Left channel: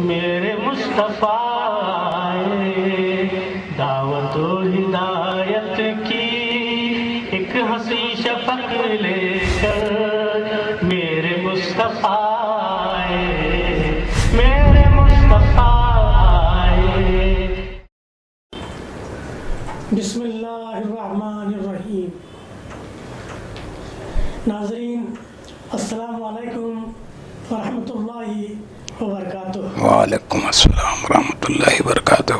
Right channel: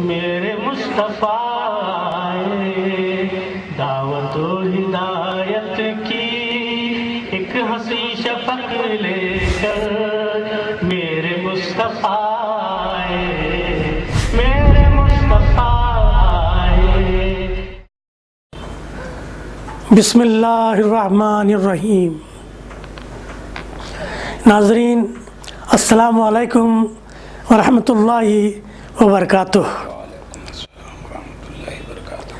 میرے مصطفیٰ دعوت و ہدایت کی ایک ہنسی شفق لے کر میرے مصطفیٰ میرے مصطفیٰ. بسم اللہ الرحمن الرحیم. ناظرین السلام علیکم ورحمۃ اللہ وبرکاتہ. وعلیکم السلام ورحمۃ اللہ وبرکاتہ.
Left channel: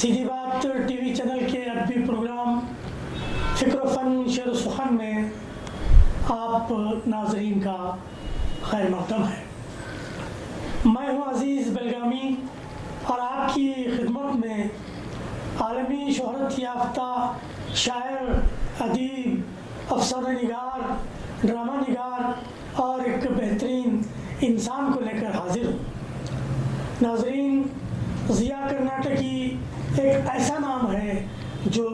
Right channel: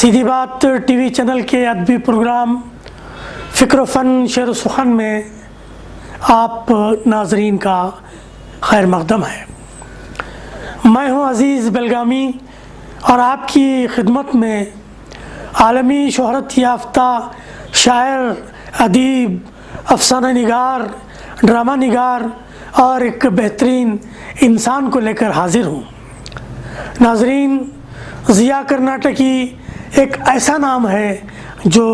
سیدھی بات ٹی وی چینل کے ادبی پروگرام فکر و فن شعر و سخن میں آپ ناظرین کا خیر مقدم ہے. میں ہوں عزیز بلگامی اور آپ کی خدمت میں عالمی شہرت یافتہ شاعر، ادیب، افسانہ نگار، ڈرامہ نگار اور ایک بہترین انسان کو لے کر حاضر ہوں. ناظرین، ضیاء کرناٹکی ایک ایسا نام ہے جو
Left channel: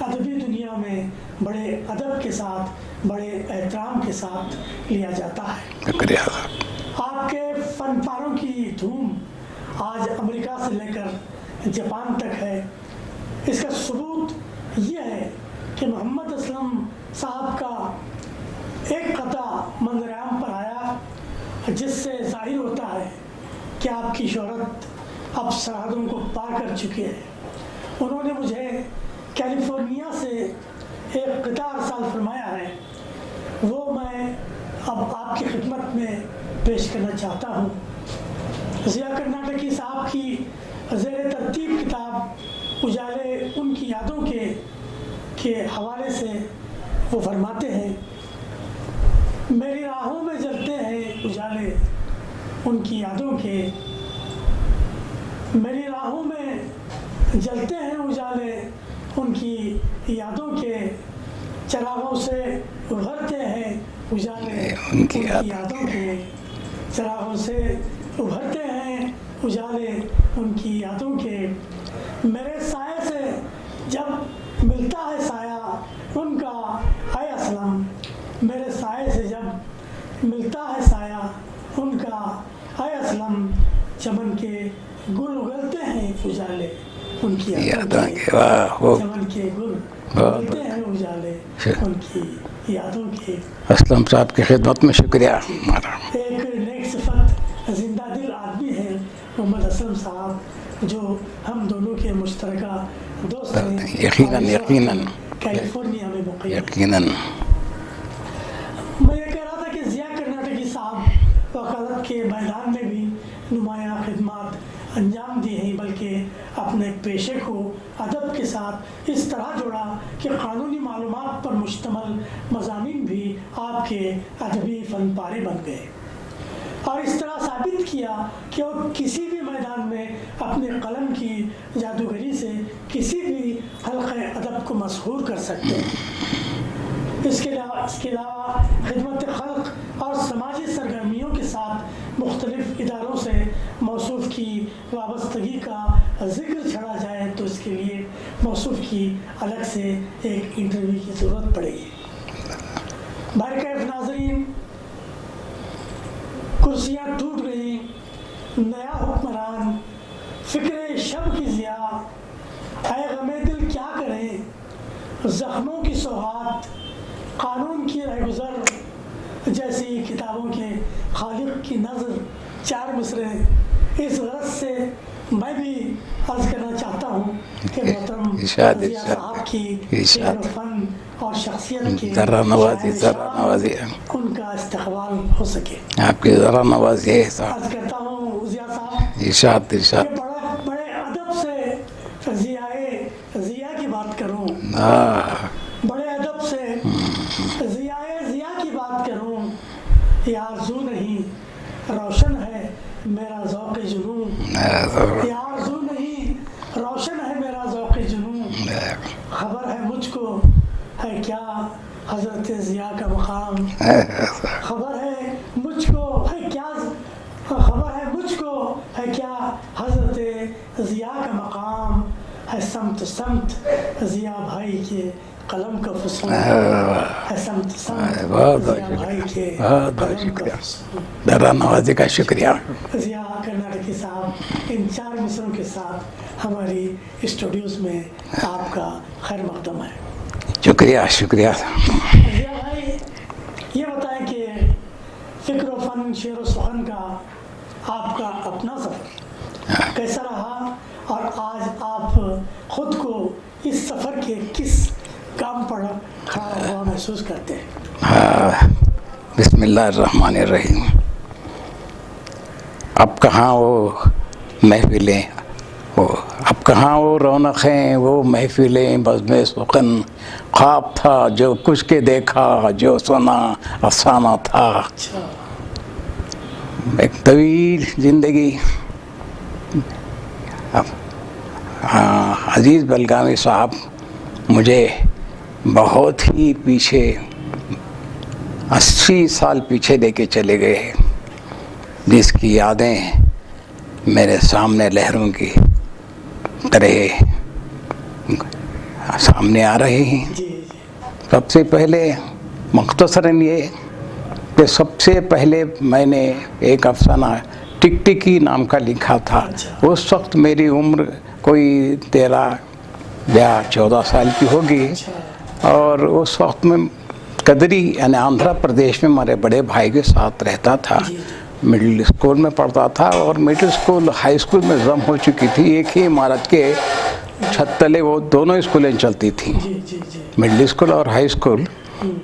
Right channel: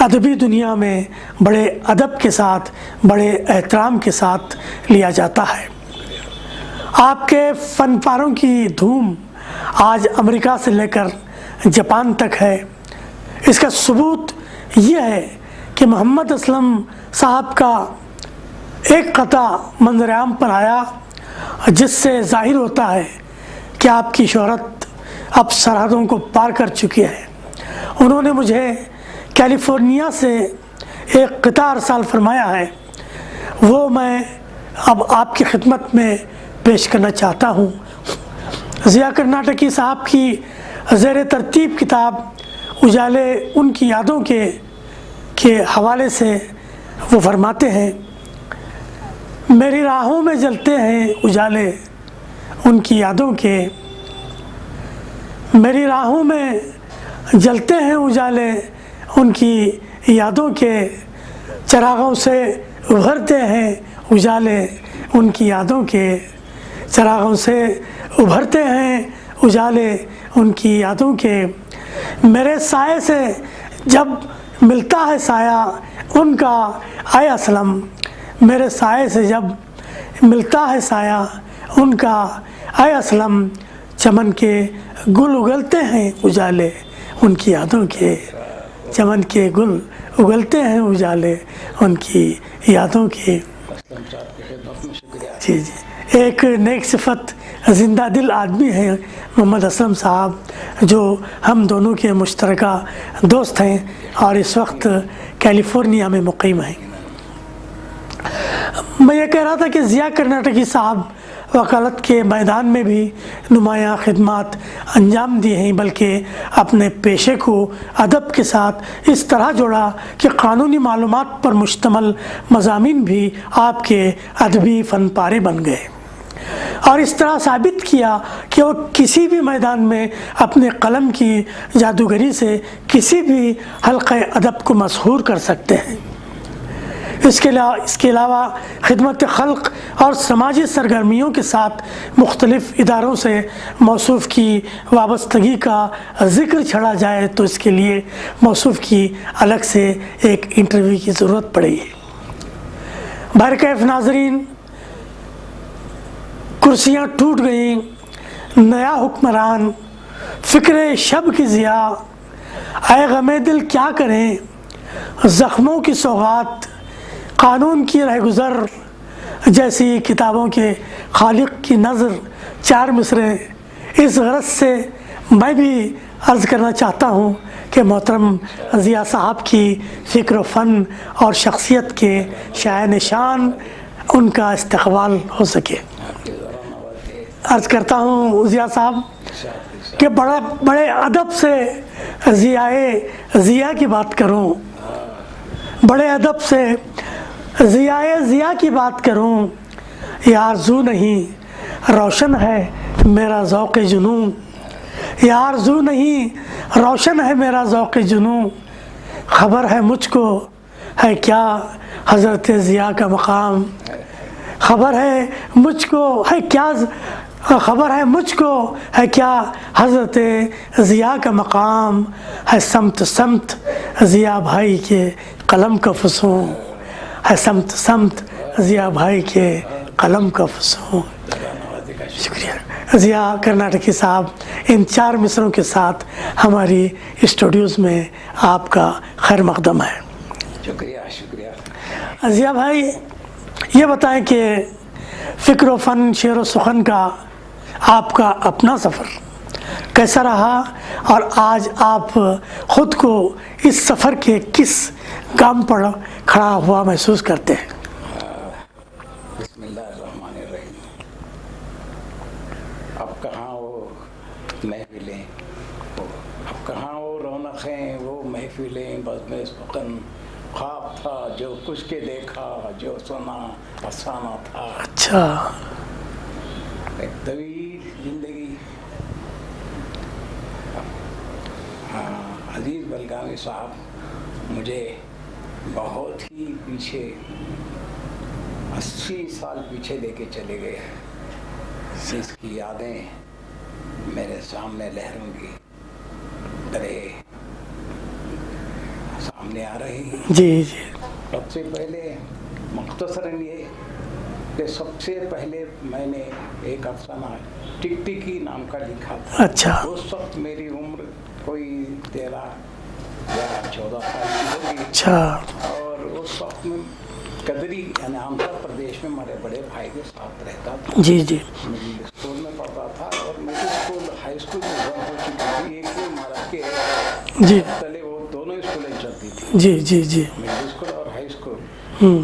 ادبی دنیا میں بڑے ادب کے ساتھ، بڑے احترام کے ساتھ لیا جاتا ہے. شکریہ. آپ کے فن پاروں کی دھوم آج امریکہ سے لے کر جاپان تک ہے. اس کا ثبوت یہ ہے کہ محمد اسلم صاحب کا ایک قطعہ منظر عام پر آیا جس سے ظاہر ہوتا ہے کہ آپ کی شہرت اب سرحدوں کو پار کر چکی ہے. انہوں نے مجھے کیلیفورنیا سے ایک قطعہ ارسال فرمایا ہے، وہ میں اب آپ کی خدمت میں پیش کرنا چاہتا ہوں. ضیاء کرناٹکی صاحب کی زیر ترتیب کتاب اجالے ان کی یادوں کے حوالے سے وہ فرماتے ہیں: میری راہوں میں جلتے ہیں اجالے ان کی یادوں کے، میری راہوں میں جلتے ہیں اجالے ان کی یادوں کے، چراغوں سے ابھرتے ہیں اجالے ان کی یادوں کے، چراغوں سے ابھرتے ہیں اجالے ان کی یادوں کے. میرے سائے سے جب ملتا ہے سایہ ان کا اے اسلم، میرے سائے سے جب ملتا ہے سایہ ان کا اے اسلم، چمن کے گل اگلتے ہیں اجالے ان کی یادوں کے، چمن کے گل اگلتے ہیں اجالے ان کی یادوں کے. اسلم صاحب کی خدمت میں شکریہ. ایک نیک صفت زندہ دل آدمی ہے محمد اسلم صاحب، جو ہم دونوں کے مشترکہ دوست ہیں اور اس وقت کیلیفورنیا میں مقیم ہیں. میں یہ کہہ رہا تھا کہ ضیاء کرناٹکی صاحب وکالت کے میدان میں بھی نمایاں خدمات انجام دی ہیں، بلکہ اپنے پیشے کو ادب کے ساتھ اس طرح جوڑا کہ قانونی معلومات پر مشتمل مضامین بھی آپ کے ادبی فن پارے بن گئے، اور اس طرح ثابت کیا کہ وہ کسی بھی میدان میں اپنے قلم کی جادوگری سے کسی بھی حلقہ ادب کو مسحور کر سکتے ہیں. اس کے علاوہ خدمت خلق اور سماجی سرگرمیوں کے ساتھ مختلف اداروں سے موصوف کی وابستگی کا ذکر چھڑا جائے تو اس کے لیے موصوف کی الگ سے ایک انٹرویو کی ضرورت پڑے گی. بہرکیف ناظرین، کرسیاں ٹوٹ گئیں، نیا حکمران، فکر شب کی ضیاء، اے غم دل کیا کریں، زخموں کی سوغات، قانون کی رہگزر، جیسی کتابوں کے خالق کی نظر. چار مصرے اس غرض سے میں بھی عرض کرنا چاہتا ہوں کہ محترم ضیاء صاحب کی فکر و فن اور شخصیت کے شاہ نشان ان کا استقبال ہو سکے. آپ کی ذرا نوازی ہے. عرض کرتا ہوں ضیاء صاحب کہ بڑے ادب سے ضیاء کی بات کروں، بڑے ادب سے ضیاء کی بات کروں. یہ آرزو نہیں روشن ہے میرا ذوق جنوں، یہ آرزو نہیں روشن ہے میرا ذوق جنوں. خبر ہے مجھ کو ہے کیا حضرت ضیاء کا مقام، خبر ہے مجھ کو ہے کیا، خبر ہے مجھ کو ہے کیا حضرت ضیاء کا مقام. ہے سمت سمت ضیاء بھائی کے قلم کا فسون ہے سمت سمت ضیا بھائی کے قلم کا فسون. ذرا نوازی کا شکریہ. ضیا کرناٹکی صاحب ان 4 مصروں کے ساتھ ہماری اسٹوڈیوز میں آپ کا خیر مقدم ہے. شکریہ شکریہ. ضیا بھائی یہ بتائیں کہ فکر و فن شعر و سخن کا آپ کا اپنا سفر کیسا رہا اور آج آپ خود کو اس سفر کے کس گام پر کھڑا ہوا محسوس کرتے ہیں؟ بسم اللہ الرحمن الرحیم. اب کہاں وہ محفلیں اب کہاں وہ رونقیں وہ محفلیں بزم سخن خواب تھا جو کچھ کے دیکھا جو سنا افسانہ تھا. اچھا. ایک طویل زندگی. عزیز بلگامی صاحب مجھے بہت ہی پیچھے 80 سال پیچھے لے کے چلے گئے جس کی یادیں میرے سامنے لہروں کی طرح سامنے آ رہی ہیں. جی جی. سب سے پہلے مختصراً یہ کہ سب سے پہلے میں نے ایک افسانہ ٹکٹکی نام کا لکھا تھا. اچھا. اس وقت میری عمر کوئی 13 یا 14 سال کی ہوگی. اچھا. اور اس وقت میں قدری یعنی آندھرا پردیش میں ہمارے بڑے بھائی کے ساتھ رہتا تھا. جی جی. مڈل اسکول میں پڑھتا تھا اور مڈل اسکول ہائی اسکول میں ضم ہو چکی تھی. ایک ہی عمارت کے چھت تلے وہ دونوں اسکولیں چلتی تھیں. جی جی جی. مڈل اسکول اور ہائی اسکول.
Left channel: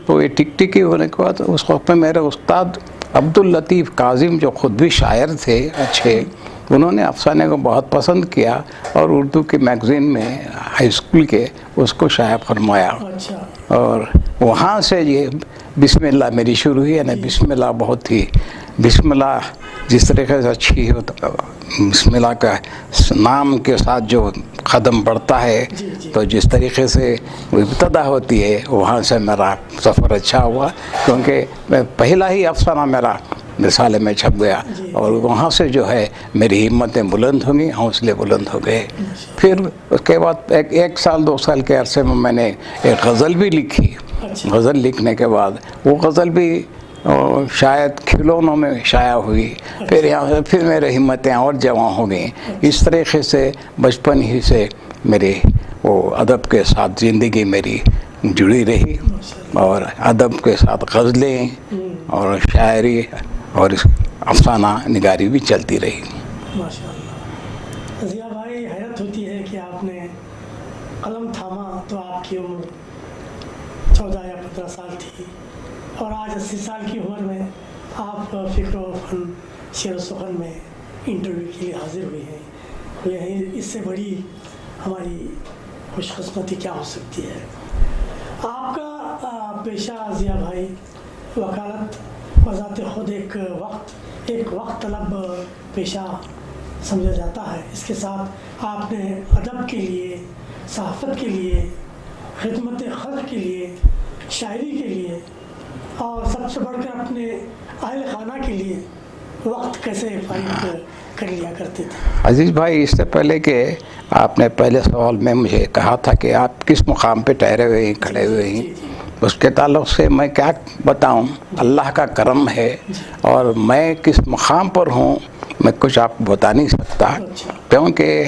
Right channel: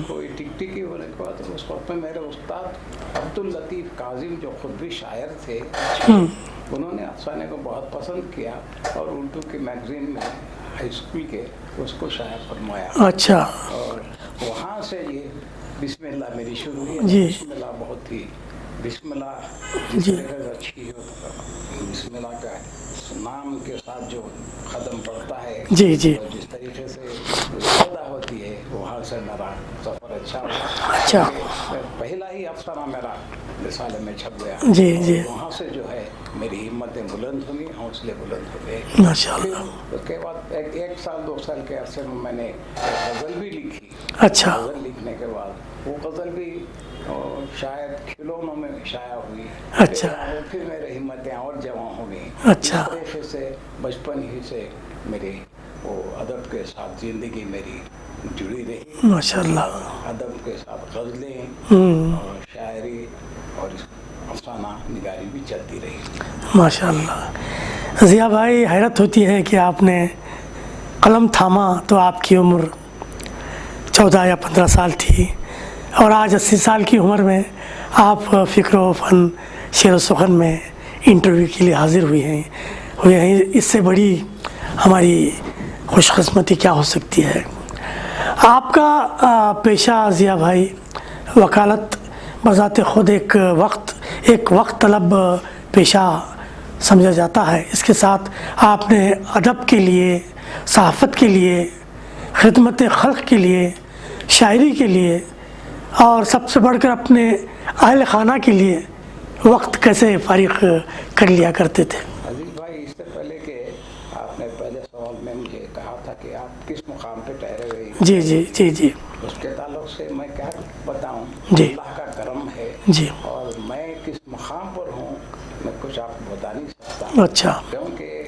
تو یہ ٹکٹکی ہونے کے بعد اس وقت میں میرے استاد عبداللطیف کاظم جو خود بھی شاعر تھے اچھے, انہوں نے افسانے کو بہت پسند کیا اور اردو کے میگزین میں ہائی اسکول کے اس کو شائع فرمایا. اچھا. اور وہاں سے یہ بسم اللہ میری شروع ہوئی. یعنی بسم اللہ بہت ہی بسم اللہ جس طریقے سے اچھی ہو بسم اللہ کا نام کے ساتھ جو قدم بڑھتا ہے جی جی. تو جس طریقے سے ابتدا ہوتی ہے وہاں سے میرا سفر اچھا ہوا کیونکہ پہلا ہی افسانہ میرا رسالے میں چھپ گیا. جی اور جی. وہاں سے جو ہے میری ہمتیں بلند ہوئیں, حوصلے بلند ہو گئے. پھر اس کے بعد ایک سال 2 سال کے عرصے میں نے ایک غزل بھی لکھی. اچھا. غزل لکھنے کے بعد وہ غزل بھی شاید کھلونوں میں شائع ہوئی. پھر میرے ہمتیں اور جوان ہو گئیں. اس طریقے سے بچپن ہی سے میری وہ ادب کے ساتھ زندگی میری جڑی رہی. اور ادب کے ساتھ غزلیں اور شاعری اور افسانہ نگاری بھی چلتی رہی. ماشاء اللہ. ضیا بھائی حیرت ہوتی ہے کہ آپ نے قلم تھاما تو آپ کی عمر 14 یا 15 سال تھی اور آج 80 سال کی عمر میں آپ فکر و فن شعر و سخن میں انٹرویو کے لیے حاضر ہوئے ہیں. اس سے بڑی ہماری خوش قسمتی کیا ہو سکتی ہے. آپ کا پیشہ ضیا بھائی وکالت بذات خود ایک وقت طلب پیشہ سمجھا جاتا ہے. اس کے ساتھ آپ نے ادب کے لیے, صحافت کے لیے, خدمت خلق کے لیے, شاعری کے لیے اور سب سے بڑھ کر اپنے اہل خانہ کے لیے وقت کیسے فارغ کر لیا کرتے تھے؟ عزیز بھائی اس سے پہلے کہ آپ نے پہلے سوال میں مجھے کہا تھا کہ آپ کس مقام پہ ٹھہرے ہوئے ہیں, کھڑے ہوئے ہیں. جی جی. اس کے تعلق سے میں کیا بتاؤں. اللہ کا کرم ہے. اور میں کس مقام پر ہوں میں کچھ آپ کو بتا نہیں سکتا. اچھا. کیونکہ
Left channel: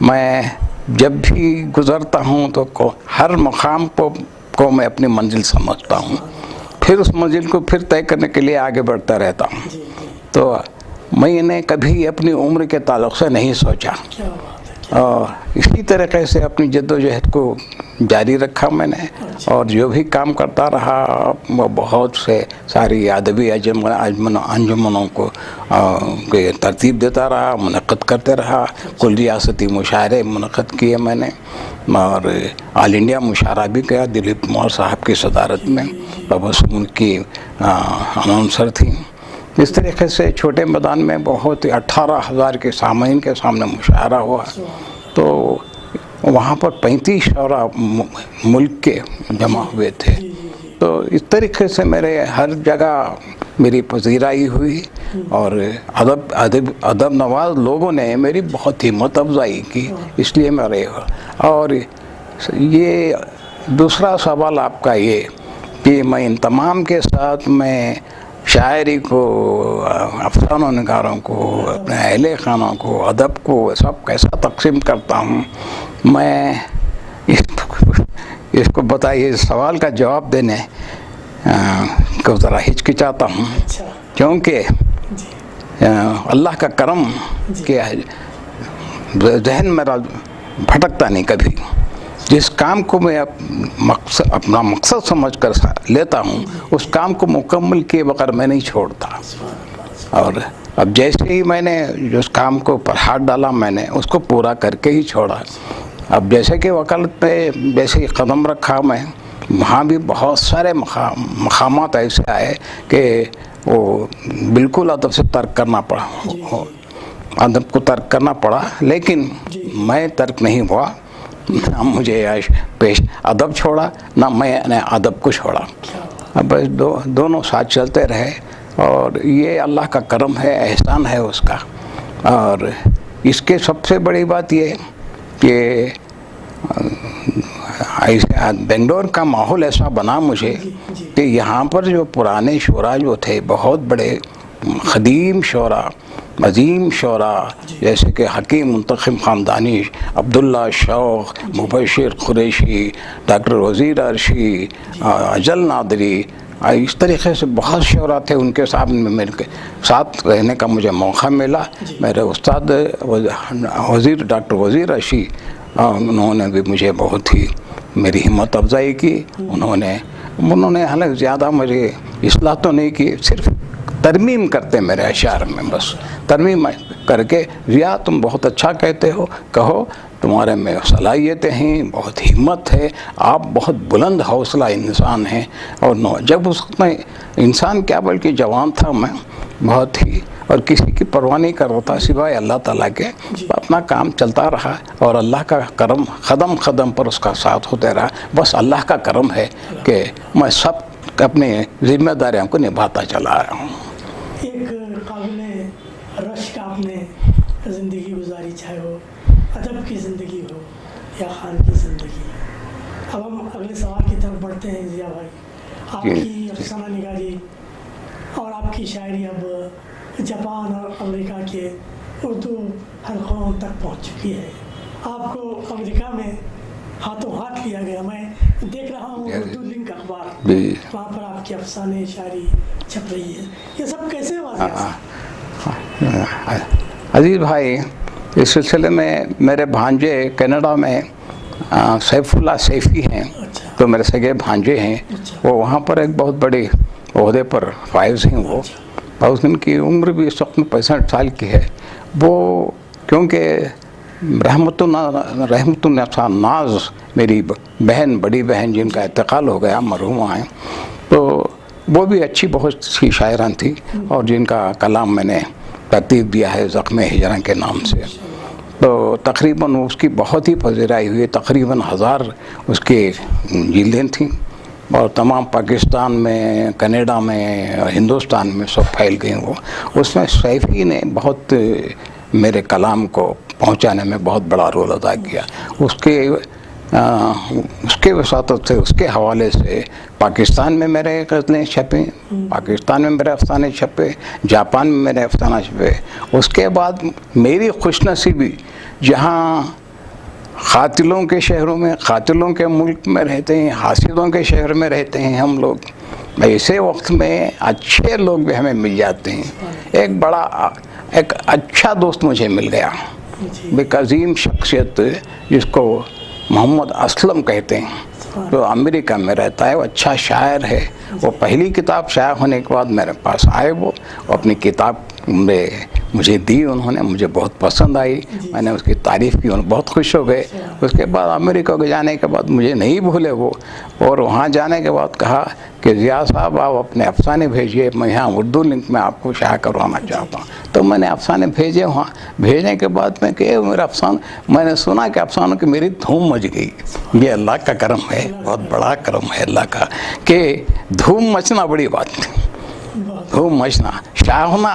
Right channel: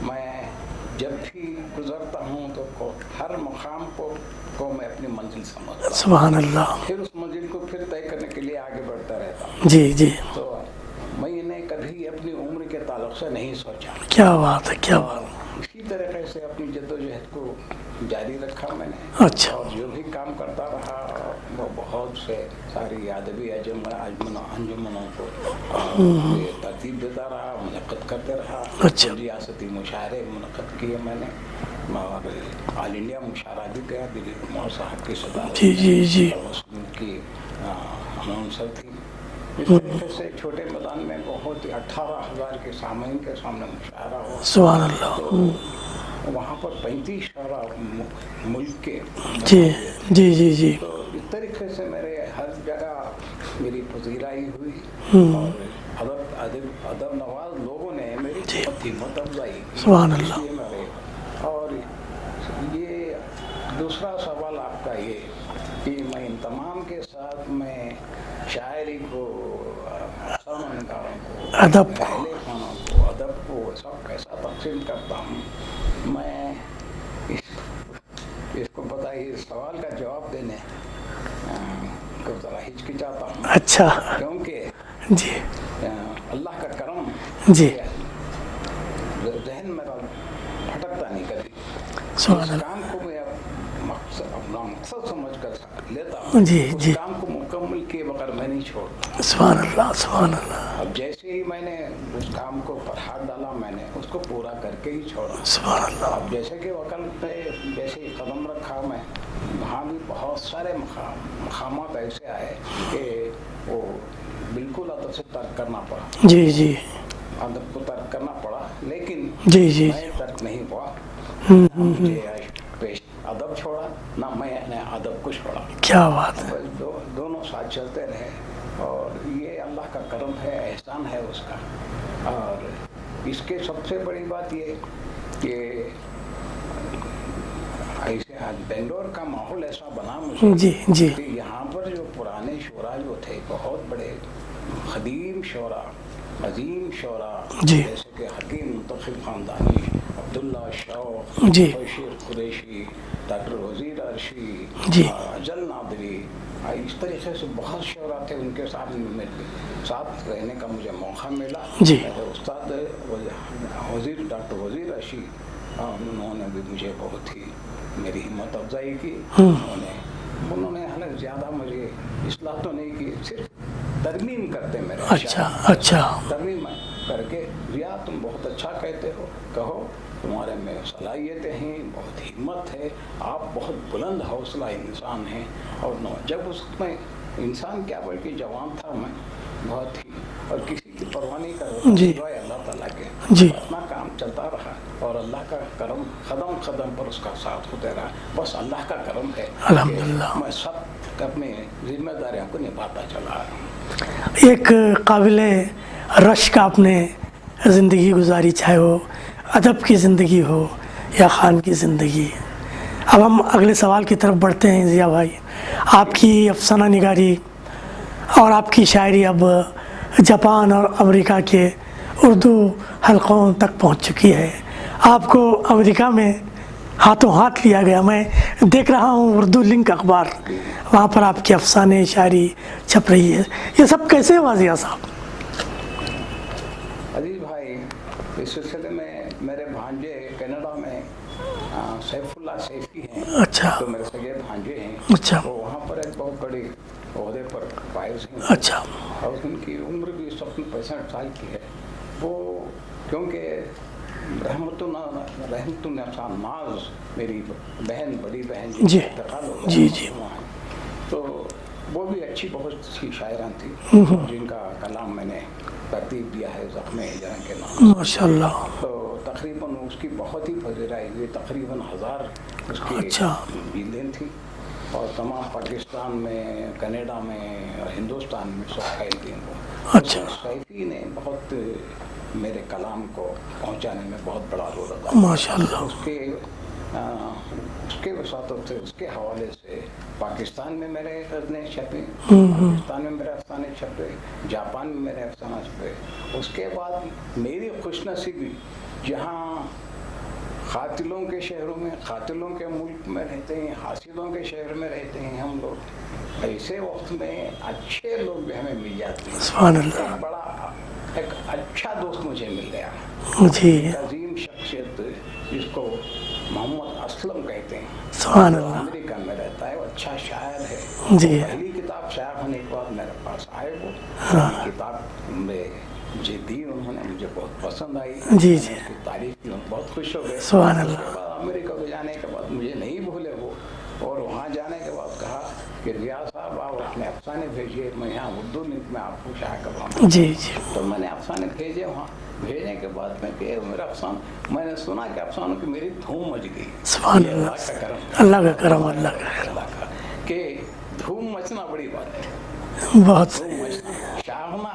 میں جب بھی گزرتا ہوں تو ہر مقام کو میں اپنی منزل سمجھتا ہوں. سبحان اللہ. پھر اس منزل کو پھر طے کرنے کے لیے آگے بڑھتا رہتا ہوں. جی جی. تو میں نے کبھی اپنی عمر کے تعلق سے نہیں سوچا. کیا بات ہے. اور اسی طریقے سے اپنی جد و جہد کو جاری رکھا میں نے. اچھا. اور جو بھی کام کرتا رہا وہ بہت سے ساری ادبی انجمنوں کو ترتیب دیتا رہا, منعقد کرتے رہا. کل ریاستی مشاعرے منعقد کیے میں نے اور آل انڈیا مشاعرہ بھی کیا دلیپ کمار صاحب کی صدارت میں. تبسم کی اناؤنسر تھیں. اس طریقے سے چھوٹے میدان میں بہت 18,000 کے سامعین کے سامنے مشاعرہ ہوا. سبحان اللہ. تو وہاں پر 35 شعراء ملک کے جمع ہوئے تھے. جی جی جی. تو اس طریقے سے میرے ہر جگہ میری پذیرائی ہوئی اور ادب نواز لوگوں نے میری بہت ہمت افزائی کی. اس لیے میرے اور یہ دوسرا سوال آپ کا یہ کہ میں ان تمام کے ساتھ میں شاعری کو، افسانوں نگاروں کو، اپنے اہل خانوں کو، ادب کو سب کیسا تقسیم کرتا ہوں؟ میں اس کو بتائیے، سوال کا جواب دینے کو ذرا ہچکچاتا ہوں۔ اچھا، کیونکہ جی اللہ کا کرم جی، کیا ہے، ذہن میرا بھٹکتا نہیں کبھی۔ جس کام کو میں اپنا مقصد سمجھ کر لیتا ہوں، اس کام کو مکمل کیے بغیر میں نہیں چھوڑتا۔ سبحان اللہ، سبحان اور اللہ، اب جیسے ہی میں نے جس کام کو پر ہاتھ ڈالا، میں نے اس کو پورا کر کے ہی چھوڑا۔ سبحان اللہ۔ اب جیسے کہ وکالت پہ جیسے ہی قدم رکھا میں، وہاں بھی بہت سارے مقامات ایسے آئے کہ وہ بالکل ادب سے ترک کرنا پڑا۔ جی جی، ادب کو ترک کرنا پڑا، لیکن جی جی، میں ترک نہیں ہوا۔ نہ مجھے پیش ادب چھوڑا، نہ میں نے ادب کو چھوڑا۔ کیا بات ہے، بس دونوں ساتھ چلتے رہے، اور یہ اللہ کا کرم ہے، احسان ہے اس کا۔ اور اس کے سب سے بڑی بات یہ کہ بنگلور کا ماحول ایسا بنا مجھے جی جی، کہ یہاں پر جو پرانے شعراء جو تھے، بہت بڑے قدیم شعراء، عظیم شعراء، جیسے کہ حکیم منتخب خاندانی، عبداللہ شوق، مبشر قریشی، ڈاکٹر وزیر عرشی، اجل نادری، اس طریقے سے بہت شعراء تھے۔ ان کے ساتھ میرے ساتھ رہنے کا مجھے موقع ملا۔ میرے استاد وزیر ڈاکٹر وزیر عرشی، انہوں نے بھی مجھے بہت ہی میری ہمت افزائی کی۔ انہوں نے حالانکہ زیادہ مجھے اصلاح تو نہیں کی، صرف ترمیم کرتے میرے اشعار میں، بس ترمیم کر کے، ضیاء تم بہت اچھا کہتے ہو، کہو، تمہارے میں صلاحیتیں ہیں، بہت ہمت ہے، آپ بہت بلند حوصلہ انسان ہیں۔ اور جب اس میں انسان کیا بلکہ جوان تھا میں، بہت ہی، اور کسی کی پرواہ نہیں کر رہا تھا سوائے اللہ تعالیٰ کے، اپنا کام چلتا رہا، اور اللہ کا کرم قدم قدم پر اس کا ساتھ ہوتے رہا۔ بس اللہ کا کرم ہے کہ میں سب اپنی ذمہ داریوں کو نبھاتا چلا آیا ہوں۔ ایک قابل رشک آپ نے زندگی گزاری، چاہے وہ ادب کی زندگی ہو یا خان کی زندگی۔ اب ہم اگلے سوال کی طرف بڑھتے ہیں ضیاء بھائی۔ آپ کی افسانہ نگاری اور آپ کی شاعری اب جاپان اور امریکہ کے اردو حلقوں تک پہنچ چکی ہے۔ آپ کو امریکہ میں ہاتھوں ہاتھ لیا گیا، میں دیکھ رہا ہوں اردو لنک اخبار، وہاں پر آپ کی افسانے شاعری چھپ رہی ہے۔ یہ سب کیسے ہوا ضیاء صاحب؟ عزیز بھائی، اس سلسلے میں میرے بھانجے کینیڈا میں سیف اللہ سیفی ہیں، تو میرے سگے بھانجے ہیں، وہ وہاں پر ایک بہت بڑے عہدے پر فائز ہیں، اور ان کی عمر بھی اس وقت 65 سال کی ہے۔ وہ کیونکہ رحمت ناز میری بہن، بڑی بہن، جن کا انتقال ہو گیا، مرحومہ ہیں، تو وہ بھی اچھی بہت سی شاعران تھی، اور جن کا کلام میں نے ترتیب دیا ہے زخم ہجراں کے نام سے۔ تو تقریباً اس کی بہت ہی پذیرائی ہوئی، تقریباً 1000 اس کی جلدیں تھیں، اور تمام پاکستان میں، کینیڈا میں، ہندوستان میں سب پھیل گئیں وہ۔ اس میں سیفی نے بہت میرے کلام کو پہنچانے میں بہت بڑا رول ادا کیا۔ اس کے وساطت سے، اس کے حوالے سے پاکستان میں میرے غزلیں چھپیں، پاکستان میں میرے افسانے چھپے، جاپان میں میرے افسانہ چھپے۔ اس کے بعد میری خوش نصیبی، جہاں قاتلوں کے شہروں میں، قاتلوں کے ملک میں رہتے ہیں، حاسدوں کے شہر میں رہتے ہیں ہم لوگ، ایسے وقت میں اچھے لوگ بھی ہمیں مل جاتے ہیں۔ ایک اچھا دوست مجھے مل گیا، ایک عظیم شخصیت جس کو محمد اسلم کہتے ہیں، جو امریکہ میں رہتا ہے، وہ اچھا شاعر ہے۔ وہ پہلی کتاب شائع ہونے کے بعد میرے پاس آئے، وہ اپنی کتاب میں مجھے دی، انہوں نے، مجھے بہت پسند آئی، میں نے اس کی تعریف کی، انہوں بہت خوش ہو گئے۔ اس کے بعد امریکہ کے جانے کے بعد مجھے نہیں بھولے وہ، اور وہاں جانے کے بعد کہا کہ ضیاء صاحب آپ اپنے افسانے بھیجیے، میں یہاں اردو لنک میں آپ کو شائع کروانا چاہتا ہوں۔ تو میں نے افسانے بھیجے وہاں، بھیجنے کے بعد میں کہ میرا افسانہ، میں نے سنا کہ افسانوں کی میری دھوم مچ گئی۔ یہ اللہ کا کرم ہے، بہت بڑا کرم ہے اللہ کا، کہ دھوم مچنا بڑی بات ہے، دھوم مچنا، شائع ہونا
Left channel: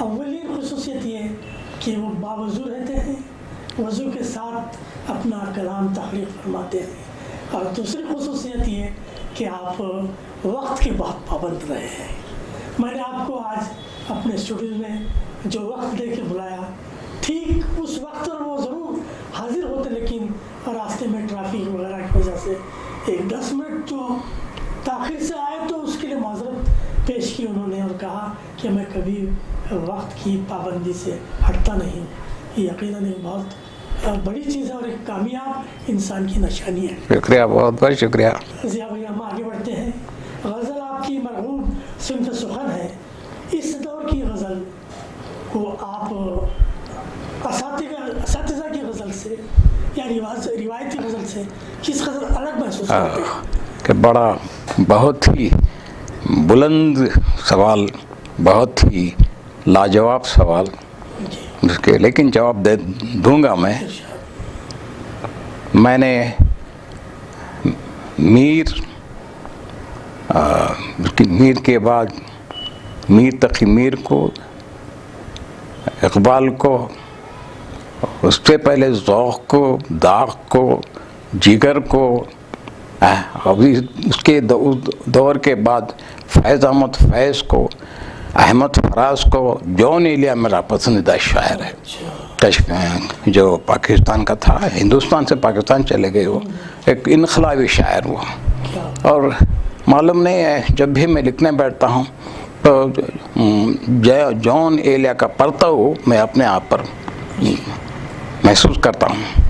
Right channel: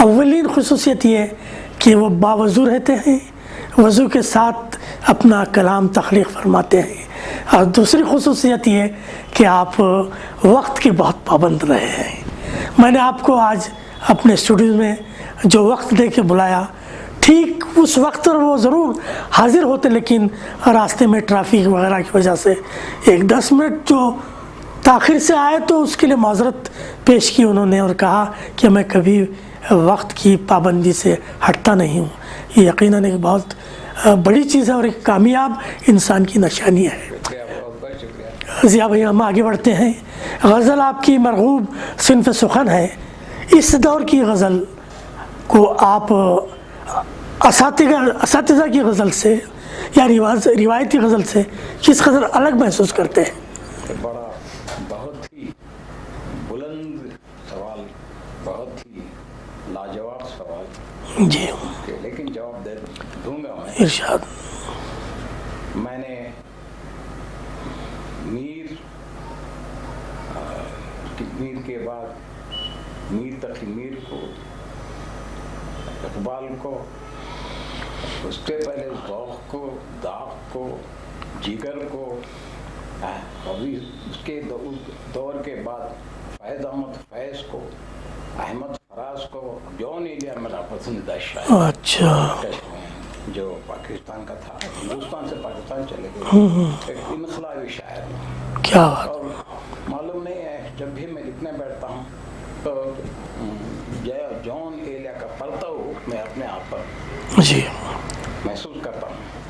اولین خصوصیت یہ ہے کہ وہ باوضو رہتے ہیں، وضو کے ساتھ اپنا کلام تخلیق فرماتے ہیں، اور دوسری خصوصیت یہ ہے کہ آپ وقت کے بہت پابند رہے ہیں۔ میں نے آپ کو آج اپنے اسٹوڈیو میں جو وقت دے کے بلایا، ٹھیک اس وقت پر وہ ضرور حاضر ہوتے، لیکن راستے میں ٹریفک وغیرہ کی وجہ سے 10 منٹ جو تاخیر سے آئے تو اس کے لیے معذرت پیش کی انہوں نے، اور کہا کہ میں کبھی وقت کی پابندی سے ہٹتا نہیں ہوں۔ یہ یقیناً ایک بہت بڑی چیز ہے اور ایک کامیاب انسان کی نشانی ہے۔ شکریہ، بہت بہت شکریہ۔ ضیاء بھائی، ہم آگے بڑھتے ہیں۔ غزل آپ کی مرغوب صنف سخن ہے۔ اس دور کی غزل کو آپ اساتذہ کی غزل سے یا روایتی غزل سے کس قدر الگ محسوس کرتے ہیں؟ کہ بڑا بہت ہی بلند سوال، بہت ہی لاجواب سوال، جی اس کے لیکن جواب دوں گا میں۔ ارشاد۔ میں نے میر کے بعد میر تقی میر کو، اقبال کو، اس سے پہلے ذوق کو، داغ کو، جگر کو، ابھی اس کے دور کے بعد فیض احمد فیض کو، احمد فراز کو، جون ایلیا میرا پسندیدہ شاعر ہے۔ اچھا، جو پاکستان کا تھا، ہندوستان سے پاکستان چلے گئے، وہ ایک انقلابی شاعر وہ۔ کیا اور معلوم نہیں ہے، جب بھی میں لکھنے بیٹھتا ہوں تو جون ایلیا کا پرتو میں اپنے آپ پر جی محسوس کرتا ہوں،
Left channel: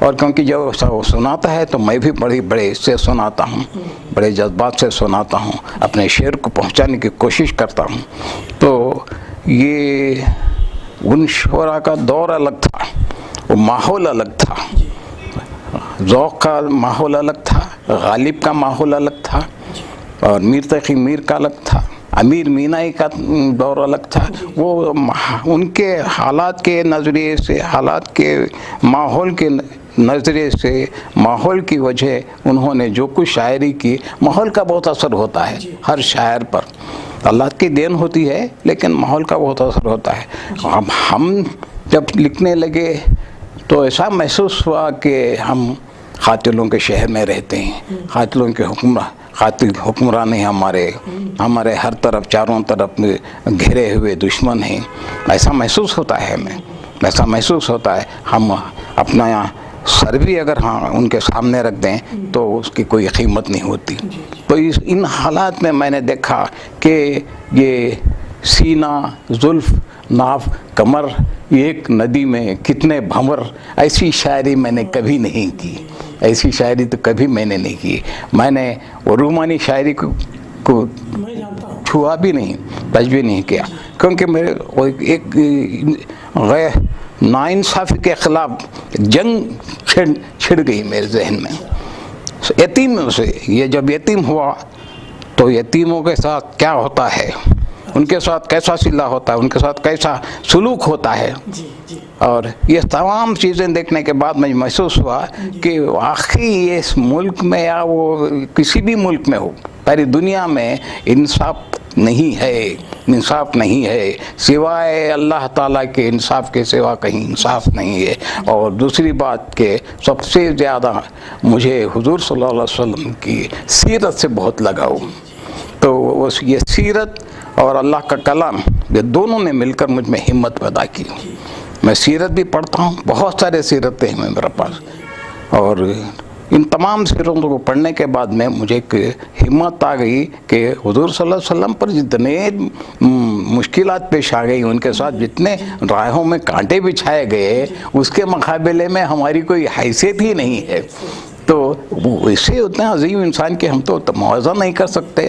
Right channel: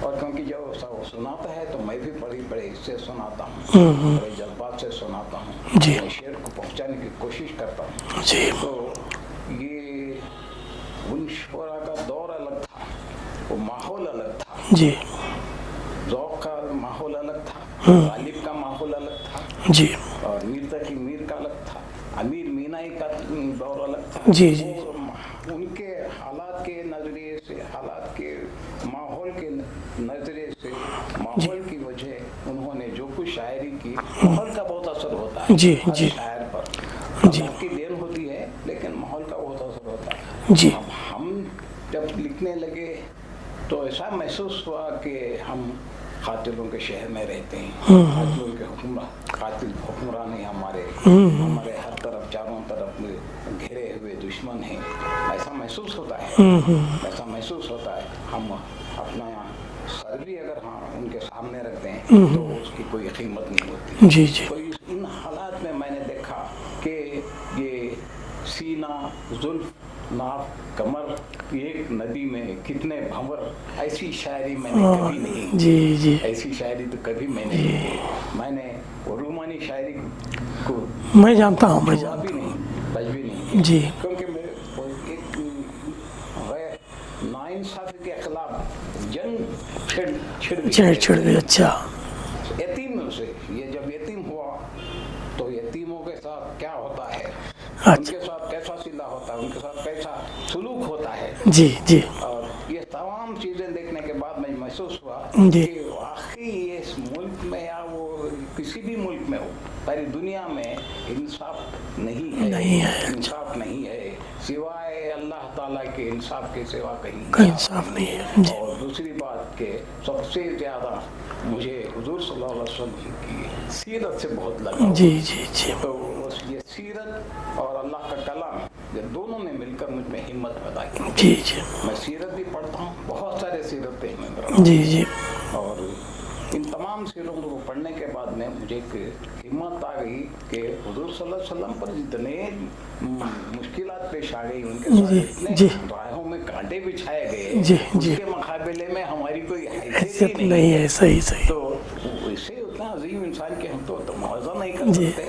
اور کیونکہ جب وہ سناتا ہے تو میں بھی بڑے اس سے سناتا ہوں، بڑے جذبات سے سناتا ہوں، اپنے شعر کو پہنچانے کی کوشش کرتا ہوں۔ تو یہ ان شعراء کا دور الگ تھا، وہ ماحول الگ تھا، جی ذوق کا ماحول الگ تھا، غالب کا ماحول الگ تھا، جی اور میر تقی میر کا الگ تھا، امیر مینائی کا دور الگ تھا۔ وہ ان کے حالات کے نظریے سے، حالات کے ماحول کے نظریے سے، ماحول کی وجہ انہوں نے جو کچھ شاعری کی، ماحول کا بہت اثر ہوتا ہے ہر شاعر پر۔ اللہ کی دین ہوتی ہے لیکن ماحول کا بہت اثر ہوتا ہے۔ اب ہم جب لکھنے لگے تو ایسا محسوس ہوا کہ ہم قاتلوں کے شہر میں رہتے ہیں، قاتلوں کے قاتل حکمران ہیں، ہمارے ہر طرف چاروں طرف گھرے ہوئے دشمن ہیں۔ ایسا محسوس ہوتا ہے، ایسا محسوس ہوتا ہے۔ ہم اپنا سر بھی اگر ان کے سامنے رکھ دیں تو اس کی کوئی قیمت نہیں ہوتی۔ تو ان حالات میں نے دیکھا کہ یہ سینہ، زلف، ناف، کمر، ایک ندی میں کتنے بھنور، ایسی شاعری میں نے کبھی نہیں کی، ایسی شاعری تو کبھی میں نے نہیں کی۔ میں نے وہ رومانی شاعری کو میں جانتا ہوں، چھوا بھی نہیں، بچ بھی نہیں کیا، کیونکہ میرے ایک غیر ناانصافی کے خلاف جنگ چھڑ گئی میرے ذہن میں۔ یتیم سے، یہ جب یتیم ہوا تو یتیموں کے ساتھ کیا ہوتا ہے، ان کے ساتھ کیسا صلہ ہوتا ہے، ان کے ساتھ کیسا سلوک ہوتا ہے، اور یہ تمام چیزیں دیکھنے کے بعد مجھے محسوس ہوا کہ واقعی اس ملک میں یا وہ کسی بھی ملک میں ہو، پوری دنیا میں انصاف نہیں ہے، انصاف نہیں ہے، سوائے اللہ تعالیٰ کے انصاف کے سوا کہیں انصاف نہیں ہے۔ اور دوسری بات کہ سب سے زیادہ مجھے حضور صلی اللہ علیہ وسلم کی سیرت سے بہت لگاؤ، تو یہ سیرت اور اللہ کا کلام، یہ دونوں نے مل کر مجھ میں ہمت پیدا کی۔ میں سیرت بھی پڑھتا ہوں، بہت سارے سیرتیں ہیں میرے پاس، اور ان تمام سیرتوں کو پڑھنے کے بعد میں مجھے ایک ہمت آ گئی کہ حضور صلی اللہ علیہ وسلم پر جتنے مشکلات پیش آ گئی، ان کے ساتھ جتنے راہوں میں کانٹے بچھائے گئے، اس کے مقابلے میں ہماری کوئی حیثیت ہی نہیں ہے۔ تو اسے اتنا عظیم انسان کے ہم تو موازنہ نہیں کر سکتے،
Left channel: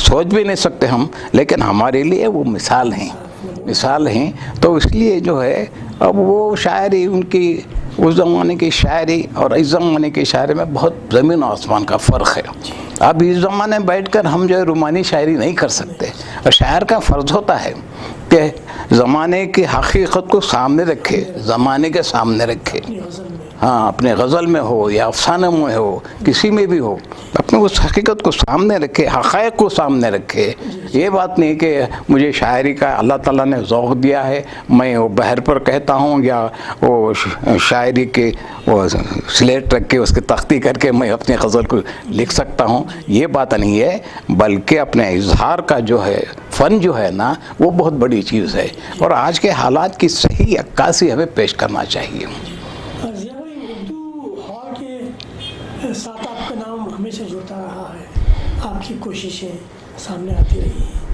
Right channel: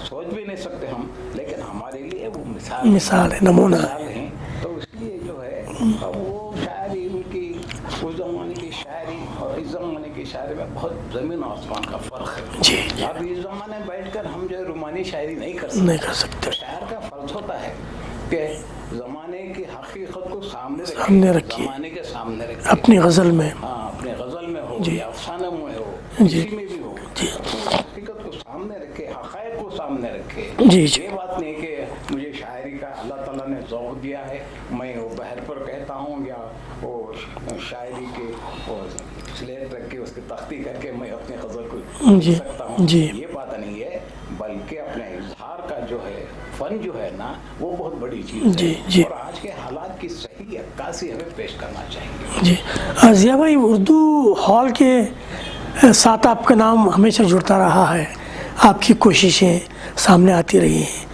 سوچ بھی نہیں سکتے ہم، لیکن ہمارے لیے وہ مثال ہیں۔ تو اس لیے جو ہے اب وہ شاعری، ان کی اس زمانے کی شاعری اور اس زمانے کی شاعری میں بہت زمین و آسمان کا فرق ہے۔ اب اس زمانے بیٹھ کر ہم جو ہے رومانی شاعری نہیں کر سکتے، اور شاعر کا فرض ہوتا ہے کہ زمانے کی حقیقت کو سامنے رکھے، زمانے کے سامنے رکھے، اپنی غزل میں، ہاں اپنے غزل میں ہو یا افسانے میں ہو، کسی میں بھی ہو، اپنے اس حقیقت کو سامنے رکھے، حقائق کو سامنے رکھے۔ یہ بات نہیں کہ مجھے شاعری کا اللہ تعالیٰ نے ذوق دیا ہے، میں وہ بہر پر کہتا ہوں یا وہ شاعری کے وہ سلیٹ رکھ کے اس کی تختی کر کے میں اپنی غزل کو لکھ سکتا ہوں، یہ بات نہیں ہے، بلکہ اپنے اظہار کا جو ہے فن جو ہے نا وہ بہت بڑی چیز ہے، اور آج کے حالات کی صحیح عکاسی ہمیں پیش کرنا چاہیے۔ جی ضیاء بھائی، اردو ہال کے ساتھ آپ کا نام ہمیشہ جڑتا رہا ہے، آپ کی کوششیں سامنے آتی رہی ہیں،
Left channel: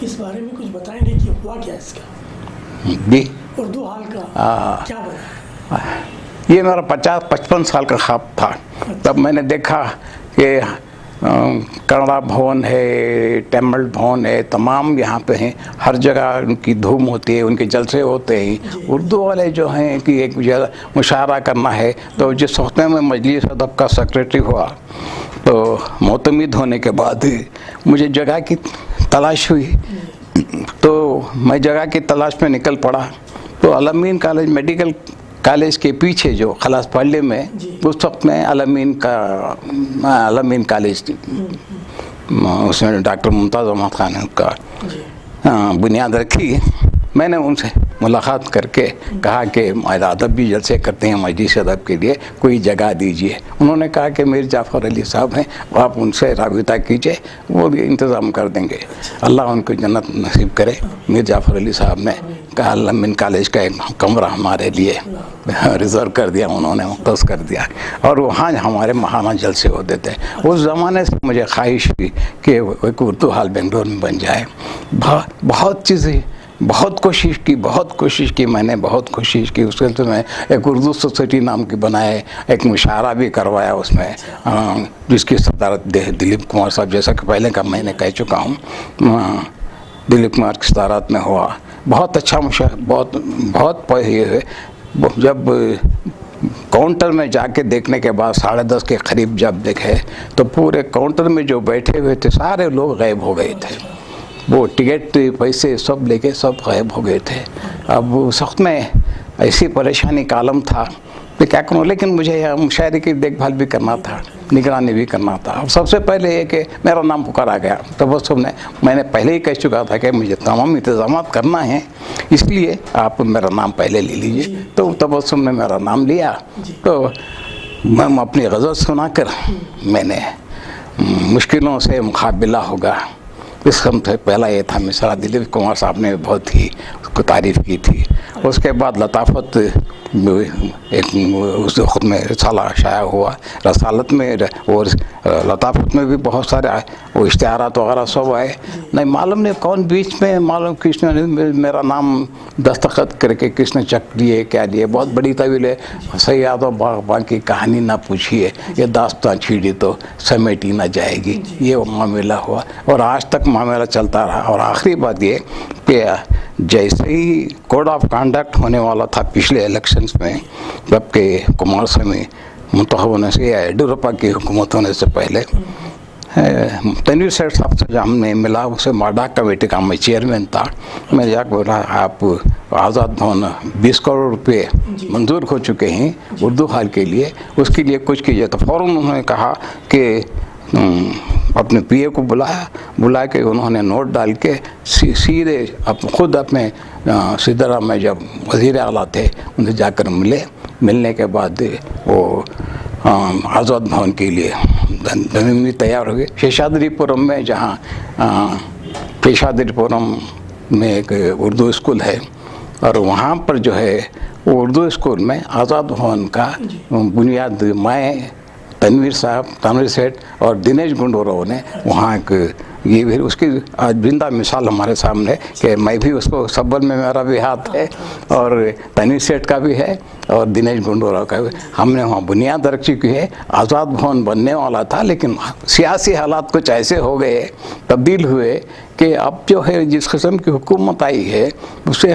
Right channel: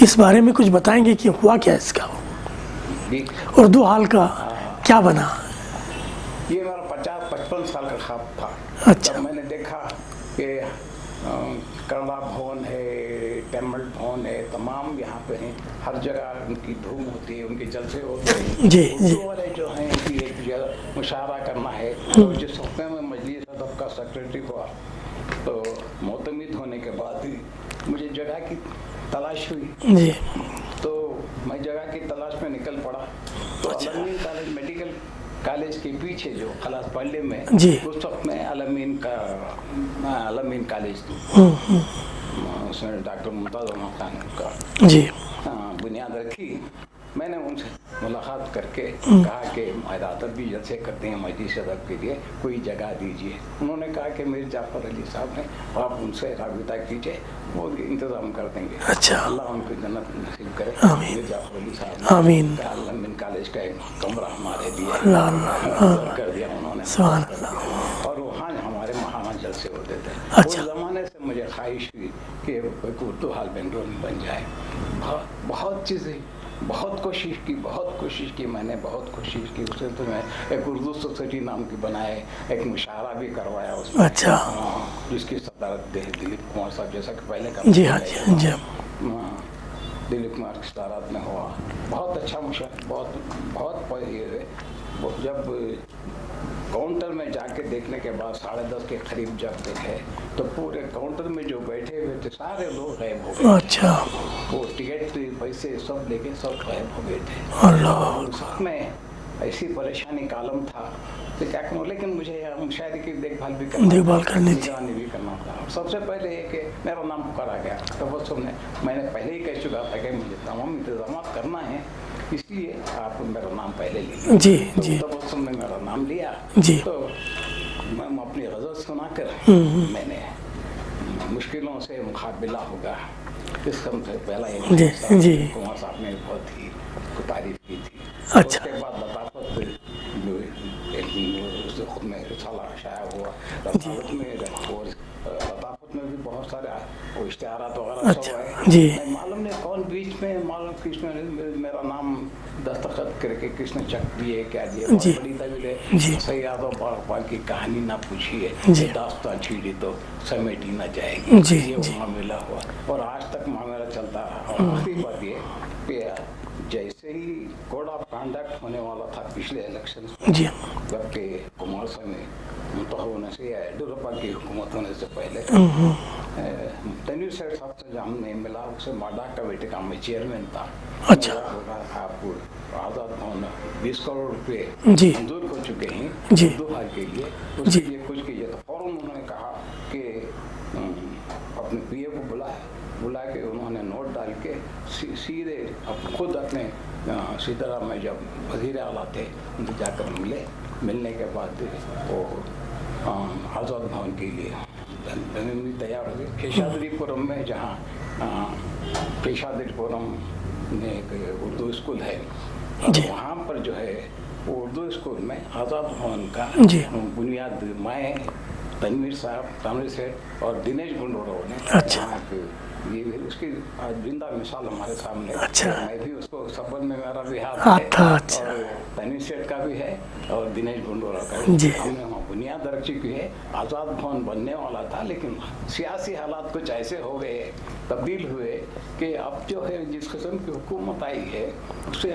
اس بارے میں کچھ بتائیں گے کہ ہوا کیا اس کا، جی اردو ہال کا کیا بنا؟ یہ میرا 50-55 سال کا خواب تھا، تب میں نے دیکھا کہ کنڑا بھون ہے، ٹیمل بھون ہے، تمام یہاں پہ ہیں، ہر جگہ ان کی دھوم ہوتی ہے، ان کے جلسے ہوتے ہیں، اردو والے جو ہیں کہ ایک مشاعرہ کرنا ہے، تو جس وقت میں مجلس ادب کا سیکریٹری ہوا تو معتمد ہونے کے بعد مجھے جگہ کی تلاش ہوئی، تو میں جگہ کی تلاش میں نکل پڑا، تو الامین کالج میڈیکل کالج کے پیچھے جو خلاص پہلے میں اس وقت میں الامین کالج اس میں ڈاکٹر ممتاز احمد خان کا بنیاد رکھی۔ میں نے ان سے ملاقات کر کے کہا کہ ادب بھی جلسے کرتے ہیں، مجلس ادب کے لیے کوئی جگہ دیجیے۔ انہوں نے کہا کہ میر جعفر علی صاحب ہیں، آپ ان سے رابطہ کیجیے، وہ بھی انتظام کر دیں گے، اللہ ان کو جنت نصیب کرے۔ میر جعفر علی صاحب نے کہا الامین کالج کا ایک کمرہ ہمارے لیے ریزرو کر دیا، انہوں نے مختص کر دیا، اور وہاں ہمارے ماہانہ جلسے ہوتے تھے۔ اس زمانے سے مجھے خواہش ہوئی کہ ایک اردو ہال بنگلور میں بن جائے۔ بہت چیزیں بہت کوشش کی میں نے، بہت کوشش کی، اس کے میں ایک اردو سوسائٹی نام کی بنائے، ایک مشاعرہ بھی کروایا اس میں، جس کی صدارت دلیپ کمار صاحب، جیسا کہ پہلے کا میں نے کہہ چکا ہوں، دلیپ کمار کی صدارت میں ہوا، بہت اچھا مشاعرہ، بہت یہ ہے۔ جب کاؤنٹر میں جا کے دیکھنے کے بعد 10:30 کے قریب جب دیکھے تو پورے کاؤنٹر میں جو بیٹھے ہوئے تھے سارے لوگ غائب ہو گئے تھے، وہ ٹکٹ پیسے سب لے کے سب غائب ہو گئے تھے۔ اب اس وقت میں ایسی پریشانی کا عالم تھا کہ کیا کروں، لیکن مجھے مشاعرے کی دیکھ بھال بھی کرنا تھا، نگرانی بھی کرنا تھا۔ اب سب سے پہلے یہ کہ میرا نام پکارا گیا، تبسم نے، میں نے پہلے ہی کہہ چکا تھا کہ مجھے تمام انتظامات کرنا ہے، اس لیے آپ میرا نام پہلے لے لیجیے، تو تبسم نے میرا نام لیا، تو میں اپنی غزل سنا کر میں نے مشکلوں سے مقابلہ ہوگا، اس قسم سے پہلا یہ تھا مصرع۔ دلیپ کمار صاحب نے بہت ہی اس کو تعریف کی تھی۔ اس کے بعد لطافت ایک اس وقت میں رسالہ شائع ہوا، رسالت میں اور لطافت میں بھی بہت سارے وہ اشتہارات وغیرہ سب آئے، نہیں معلوم نہیں کون بیچ میں معلوم کس نے میرا نام دستخط کر کے کس نے چک لیے کیا لیے، بہت بڑی طویل ہے، سیاد و باغبان کی کہانی نہ پوچھیے، یہ داستان چھیڑی تو سمیٹی نہ جائے گی، یہ معاملہ ہوا اور آج تک معاملہ چلتا رہا۔ اور آخری بات یہ کہ جیسے ہی کوڈ آف کانڈکٹ ہونے والا تھا پچھلے الیکشنز میں، جبکہ کمار سوامی منتخب ہونے سے یا یڈیورپا کی حکومت ہونے سے پہلے، تنویر سیٹھ صاحب سے ہم نے ملا، اسے ماڈاک کمیٹی کا میں چیئرمین تھا، میں جا کے بولا آپ آزاد بھون 20 کروڑ روپے منظور ہو چکے ہیں اردو ہال کے لیے، اس کے لیے کچھ کیجیے۔ تو فوراً انہوں نے کہا کہ اپنے پی اے کو بلا کے انہوں نے نوٹ ڈال کے سیدھے خود اپنے سدھرام میں جب وزیر اعلیٰ تھے ان سے جا کر ملنے کے بعد وہ آزاد بھون کے لیے زمین تیار ہو گئی۔ شیشادری پورم میں، جہاں شیشادری پورم میں ایک اردو اسکول ہے، اور وہاں پر جو ہے وہ اردو اسکول میں آزاد بھون کا بنیاد میں تنویر سیٹھ اور دنیش گنڈورو نے وہاں یہ بھی اس کی آج زندہ مثال ہمارے سامنے کہ میں بھی اس کو سبل میں میرا بھی ہاتھ ہے اور تنویر سیٹھ کا بھی ہے اور دنیش گنڈورو کا بھی۔ ہم نے وہاں بنیاد رکھی کی ہے۔ آزاد بھون بننے والا تھا لیکن سیاسی حالات کچھ ایسے ہو گئے، تبدیل ہوئے کہ اب جو ہے جس قسم کی حکومت آئی ہے اسے